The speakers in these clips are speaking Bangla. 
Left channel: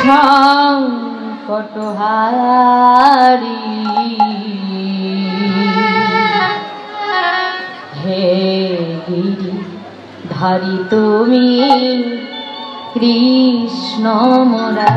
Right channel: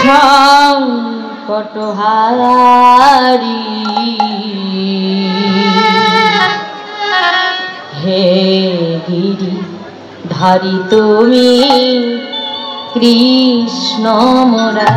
সংকটহারি হে গিরি ধারি তুমি কৃষ্ণ মুরারি।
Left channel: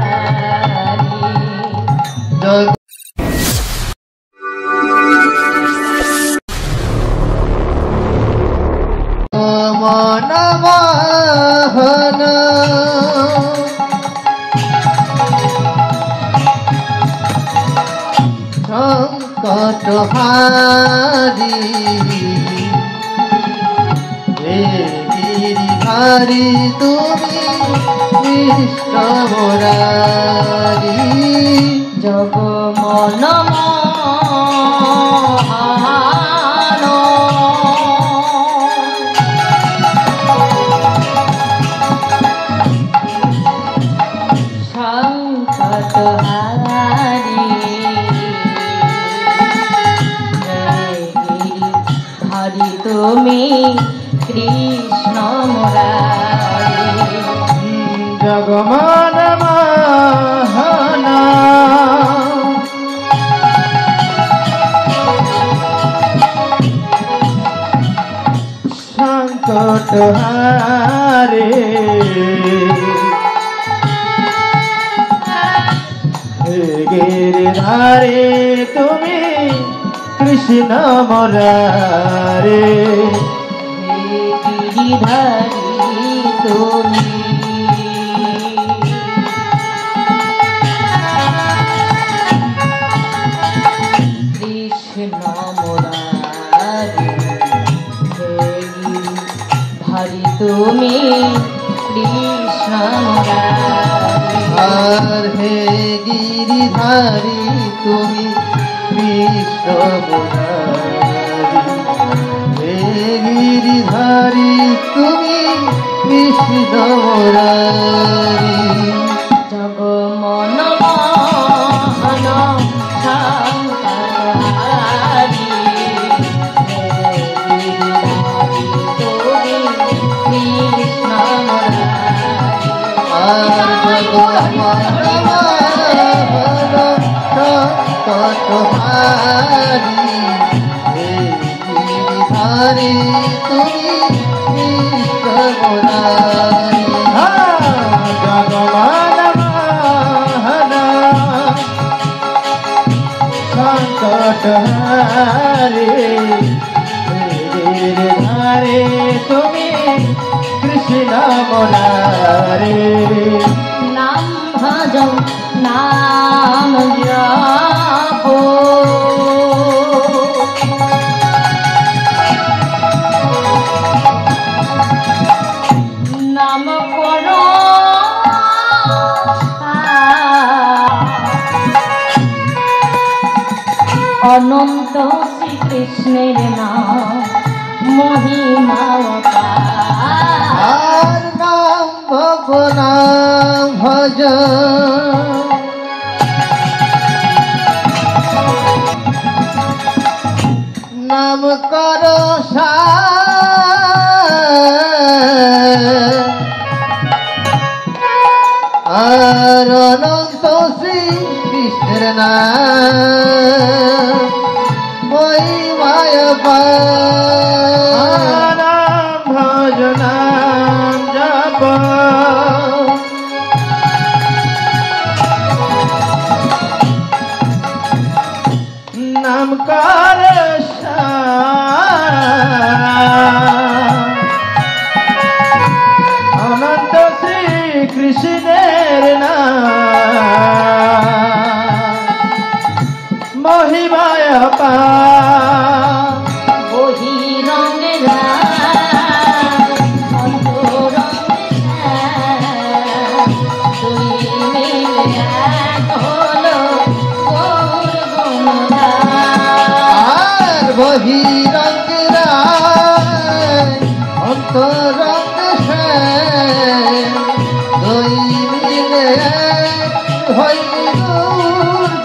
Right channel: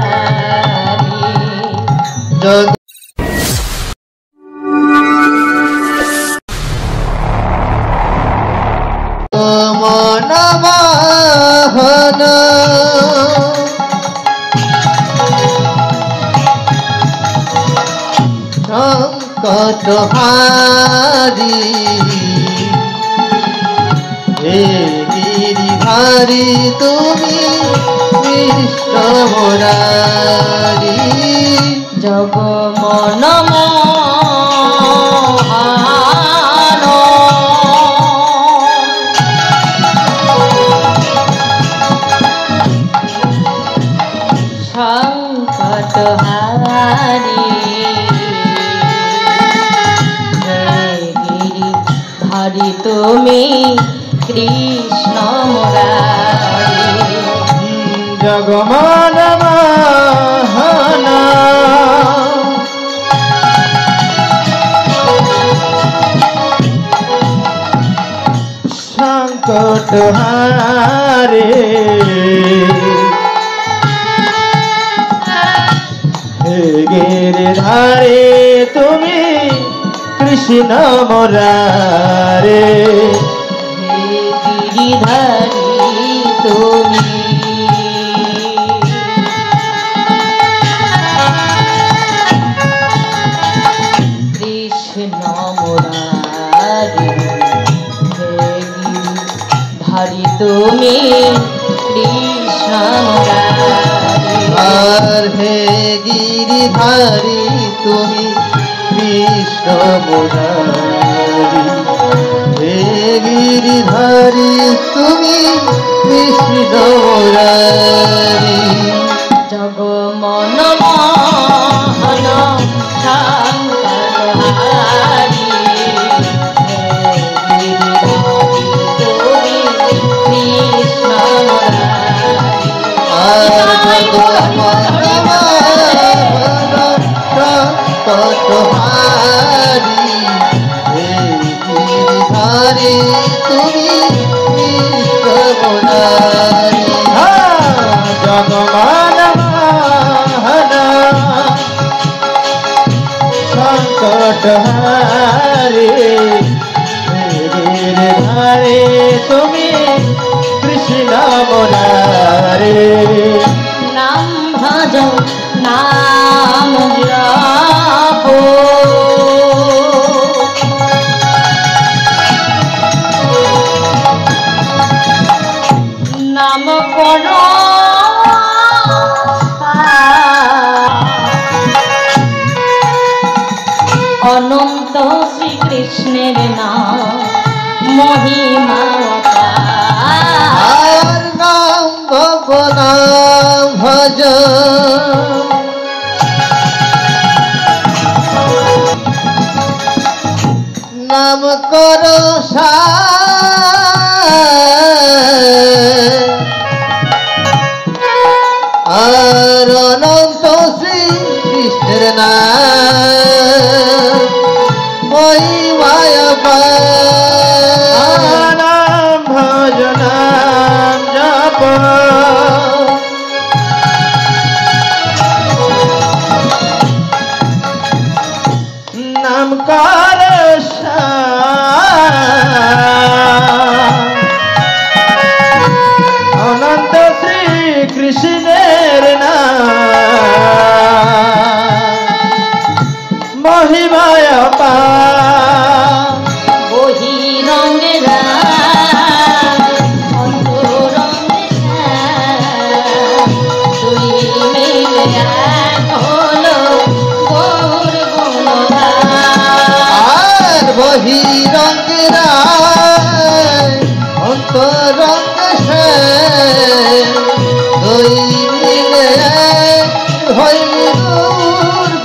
সংকটহারি হে গিরিধারি তুমি কৃষ্ণ মুরারি। জগমন সংকটহারি তুমি কৃষ্ণ মুরারি। জগমন মোহন সংকটহারি হে গিরিধারি তুমি কৃষ্ণ মুরারি। হে গিরিধারি তুমি কৃষ্ণ মুরারি হে গিরিধারি তুমি কৃষ্ণ মুরারি। আর হে গিরিধারি তুমি কৃষ্ণ মুরারি হে গিরিধারি তুমি কৃষ্ণ মুরারি। জগমন মোহন সংকটহারি হে গিরিধারি তুমি কৃষ্ণ মুরারি। আর জগমন সংকটহারি হে গিরিধারি তুমি কৃষ্ণ মুরারি। জগমন মোহন সংকটহারি হে গিরিধারি তুমি কৃষ্ণ মুরারি। নাম ভজ নাম জপ নাম কর অনন্ত শ্রীকৃষ্ণের নাম মহিমা আর নাম ভবনাম ভজ নাম কর আর অনন্ত শ্রী কৃষ্ণের নাম মহিমায় নাম ভজ নাম জপ নাম কর অনন্ত শ্রী কৃষ্ণের নাম মহিমায় বহিরঙ্গেরা দুই মিলে এক হলো গৌর গুণধার। বহিরঙ্গেরা অন্তরঙ্গ দুই মিলে হইল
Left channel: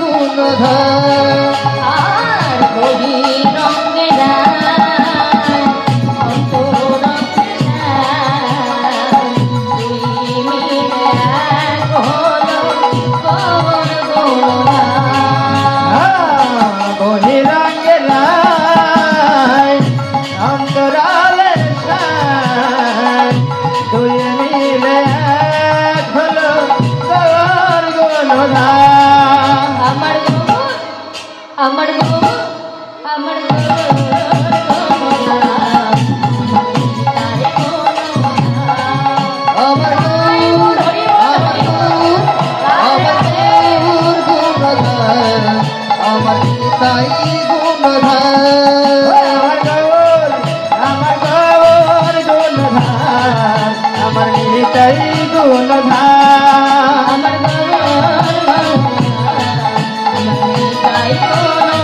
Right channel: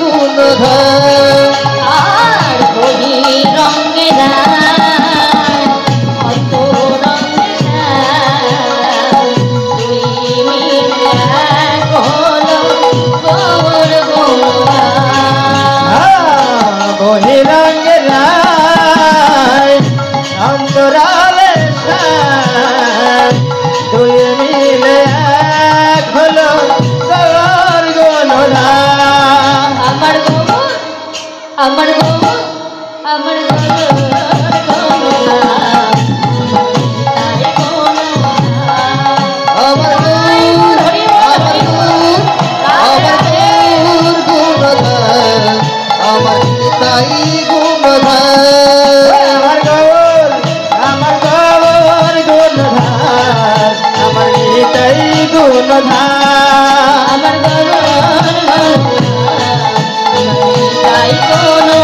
গুণধার। আর বহিরঙ্গেরা অন্তরঙ্গেরা দুই মিলে এক হলো গুণধার আমার তাই কোনো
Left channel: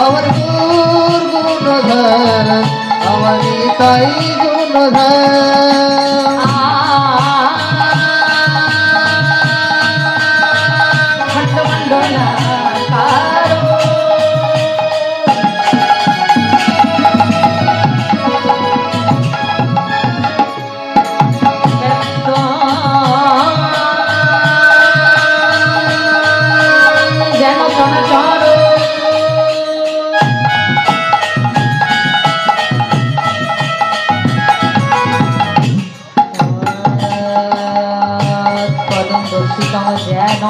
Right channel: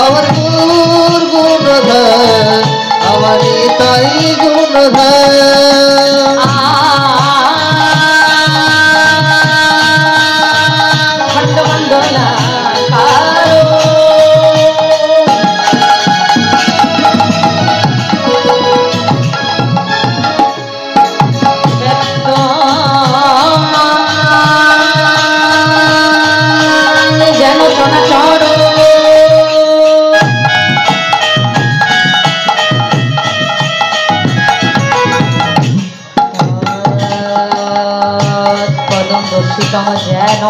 আমার গুর গুণধার আমার তাই গুণধার খণ্ড বন্দনা কারো যেন চনাচর কদম বসিতম যেন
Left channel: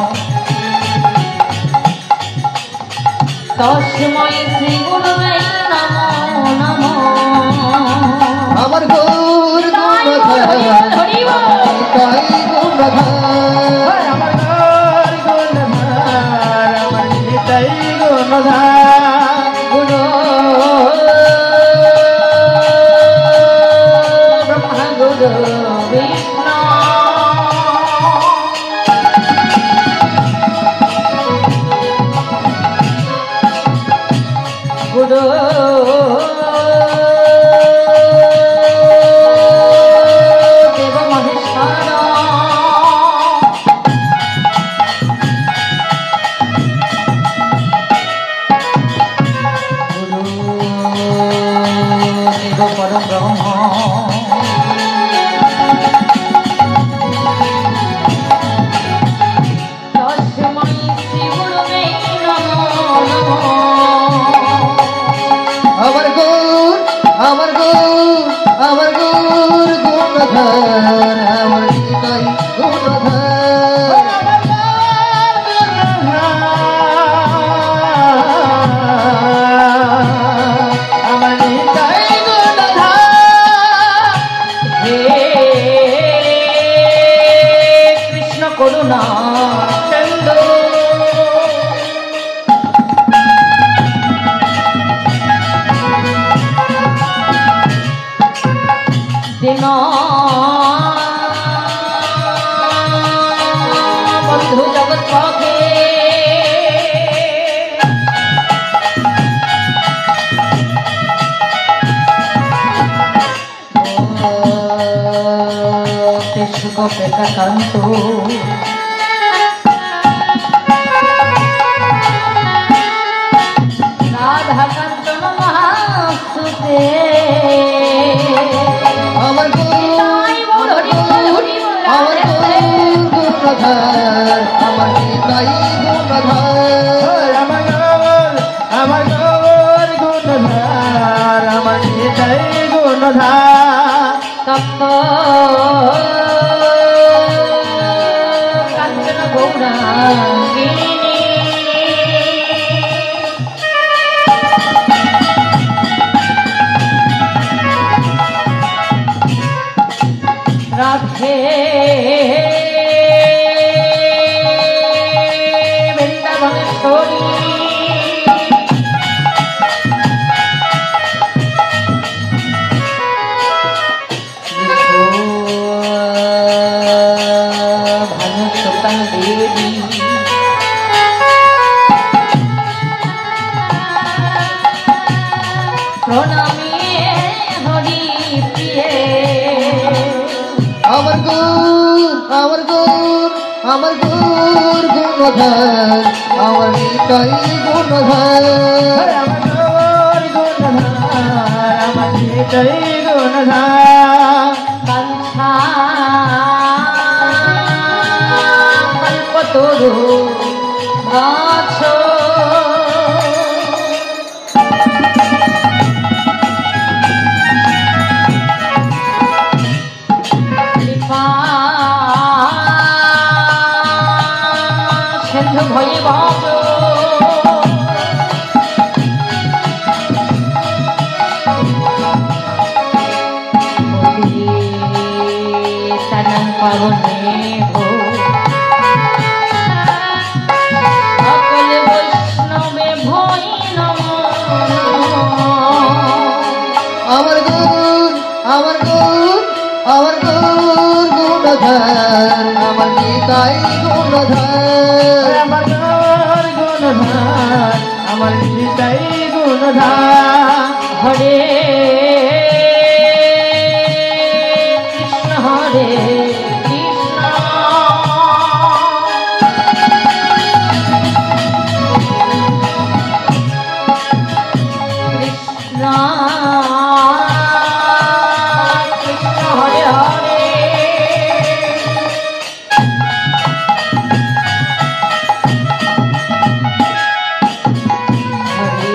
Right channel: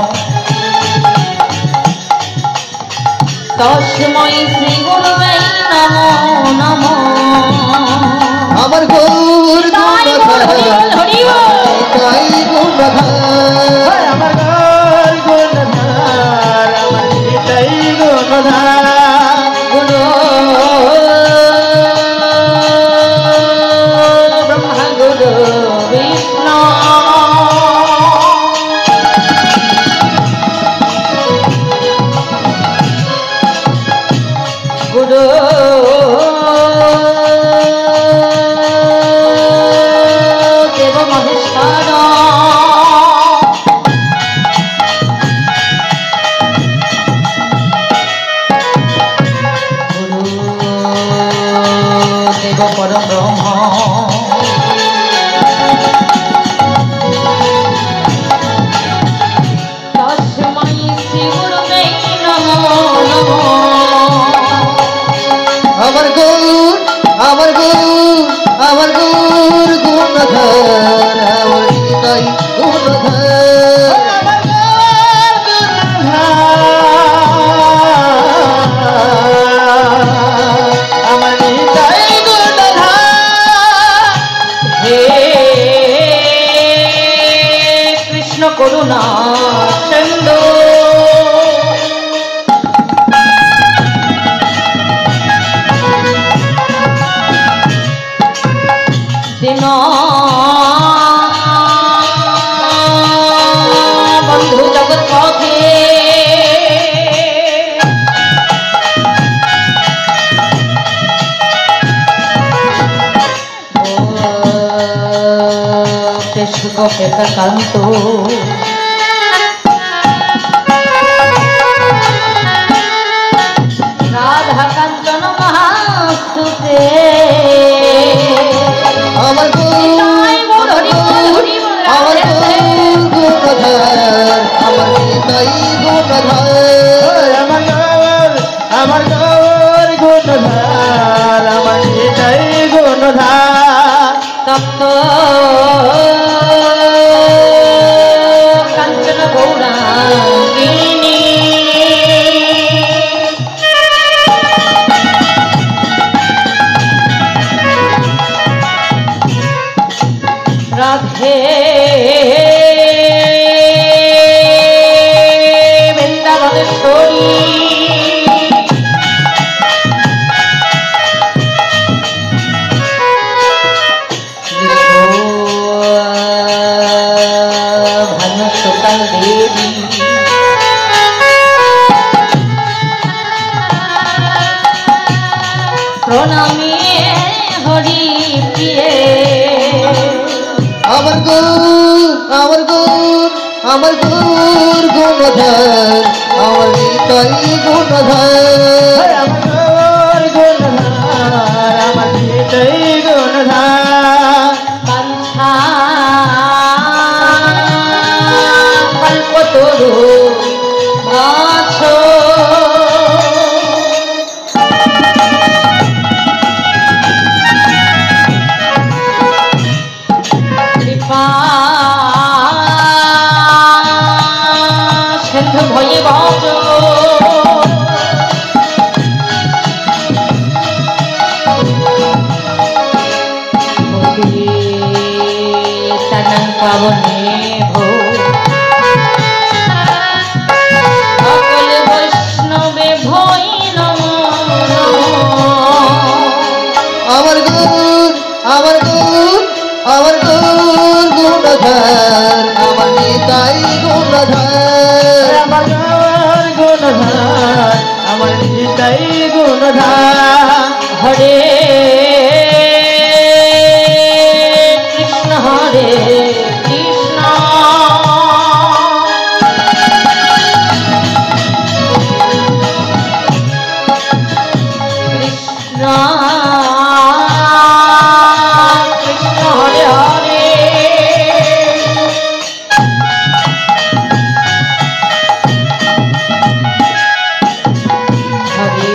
তস্মৈ শ্রী গুরুবে নমো নমো আমার গুর গুণধার হরি বল তাই গুণধার আমার গুণধার আমার তাই গুণধার গুরু ব্রহ্মা গুরু বিষ্ণু গুরু দেব মহেশ্বর দেব পরম ব্রহ্ম তস্মৈ শ্রী গুরুবে নমো নমো আমার গুর আমার গুর আমার গুর গুণধার আমার তাই গুণধার আমার তাই গুণধার হে কৃষ্ণ করুণা চন্দ্র দিন বন্ধু জগৎ পথে কেশুক পেতাকান্ত রাধা কাঞ্চন মহাসুতে আমার গুর আমার গুর আমার গুর গুণধার আমার তাই গুণধার আমার গুর গুণধার আমার তাই গুণধার তপ্ত কাঞ্চন গৌরাঙ্গিনী রাধে বৃন্দাবনেশ্বরী ভানুসুতা দেবী প্রণামী হরি প্রিয়ে আমার গুর আমার গুর আমার গুর গুণধার আমার তাই গুণধার আমার গুণধার আমার তাই গুণধার কণ্ঠা কল্পতরু গাছ কৃপা সিন্ধু ভয়ে বচ পাবনে ভো সকল বৈষ্ণবে ভই নমো আমার গুর আমার গুর আমার গুর গুণধার নিতাই গুণধর আমার গৌর গুণধর আমার নিতাই গুণধর হরে কৃষ্ণ হরে কৃষ্ণ কৃষ্ণ কৃষ্ণ হরে হরে হরে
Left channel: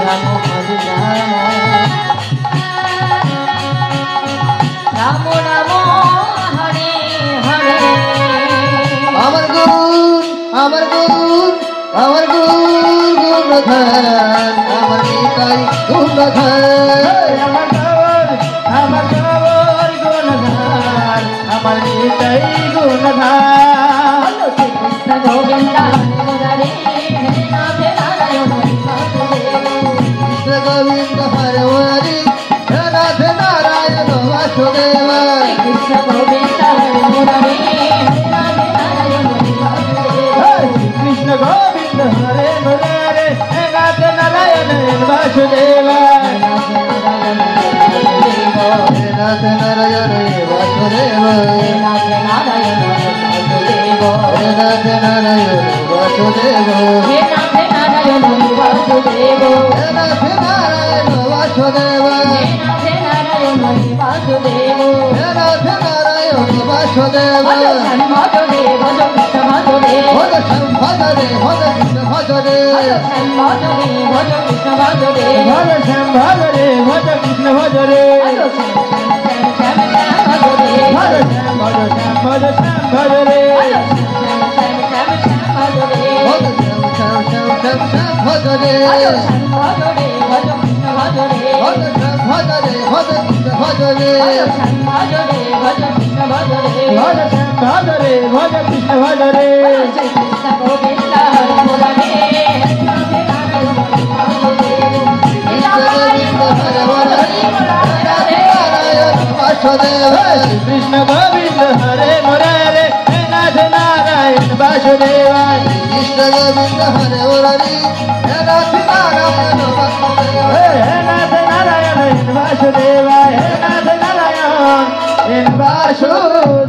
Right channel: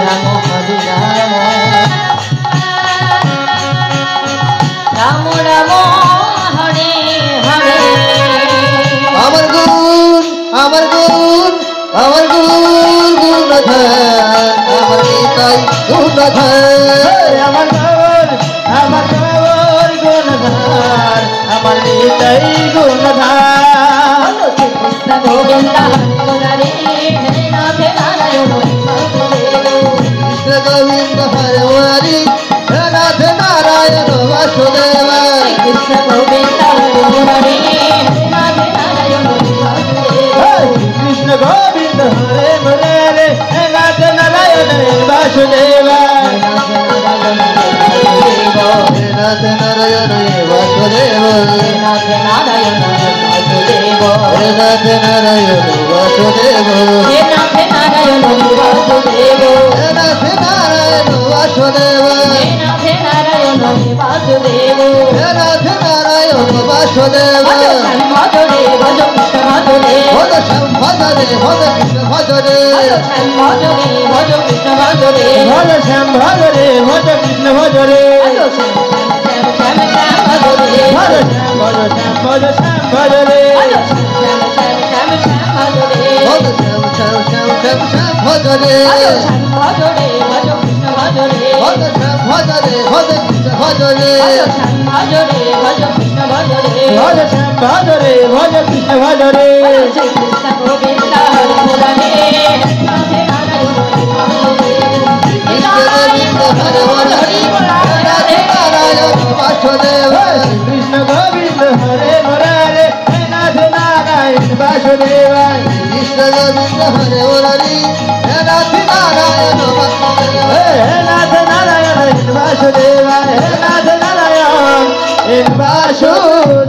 রাম হরে রাম রাম রাম হরে হরে আমার গুণ আমার গুণ আমার গুণ গুণধর আমার নিতাই গুণধর আমার গৌর গুণধর আমার নিতাই গুণধর কৃষ্ণ গোবিন্দ হরে মুরারি হরে নাথ নারায়ণ হরি বাসুদেব কৃষ্ণ গোবিন্দ হরে হরি হে নাথ নারায়ণ বাসুদেব কৃষ্ণ গোবিন্দ হরে মুরারি হরে নাথ নারায়ণ হরি বাসুদেব কৃষ্ণ গোবিন্দ হরে মুরারে হে নাথ নারায়ণ বাসুদেব হে নাথ নারায়ণ বাসুদেব হে নাথ নারায়ণ বাসুদেব হে নাথ নারায়ণ বাসুদেব হে নাথ নারায়ণ বাসুদেব হে নাথ নারায়ণ বাসুদেব হে নাথ নারায়ণ বাসুদেব ভজরে ভজ কৃষ্ণ ভজরে ভজ শ্যাম ভজরে ভজ কৃষ্ণ ভজরে ভজরে ভজ কৃষ্ণ ভজরে ভজ শ্যাম ভজরে ভজ কৃষ্ণ ভজরে ভজ শ্যাম ভজ শ্যাম ভজ শ্যাম ভজরে ভজ শ্যাম শ্যাম শ্যাম শ্যাম শ্যাম ভজরে ভজ শ্যাম ভজরে ভজ কৃষ্ণ ভজরে ভজ শ্যাম ভজরে ভজ কৃষ্ণ ভজরে কৃষ্ণ গোবিন্দ হরে হরি হে নাথ নারায়ণ বাসুদেব কৃষ্ণ গোবিন্দ হরে মুরারে হে নাথ নারায়ণ বাসুদেব হে নাথ নারায়ণ বাসুদেব হে নাথ নারায়ণ বাসুদেব